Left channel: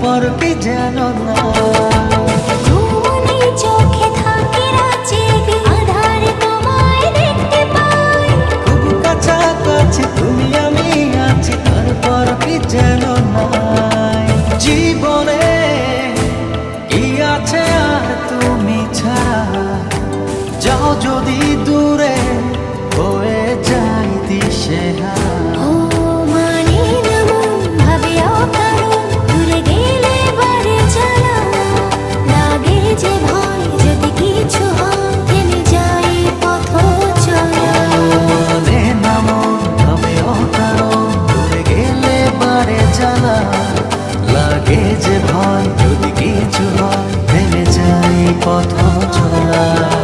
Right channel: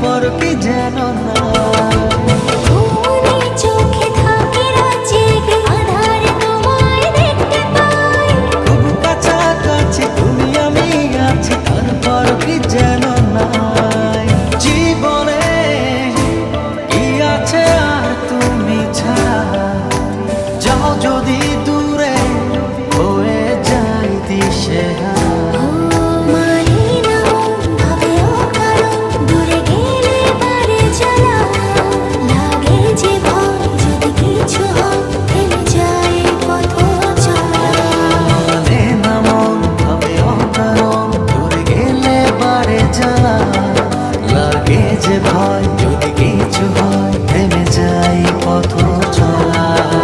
তারপর কি যেন না ঘুমনি চোখে থাকে রাতে আধার তোমায় দেখতে পাই খুব কাছাকাছি তুমি আমি আছি তারপর কি যেন নাই জীবনে কি আছে আর তুমি ছাড়া যাও যদি দূরে হয়ে যাই দিশেহারা জ্বালা লাগে যে ভয় যদি কিছু হয় থেমে যাই পথ চলা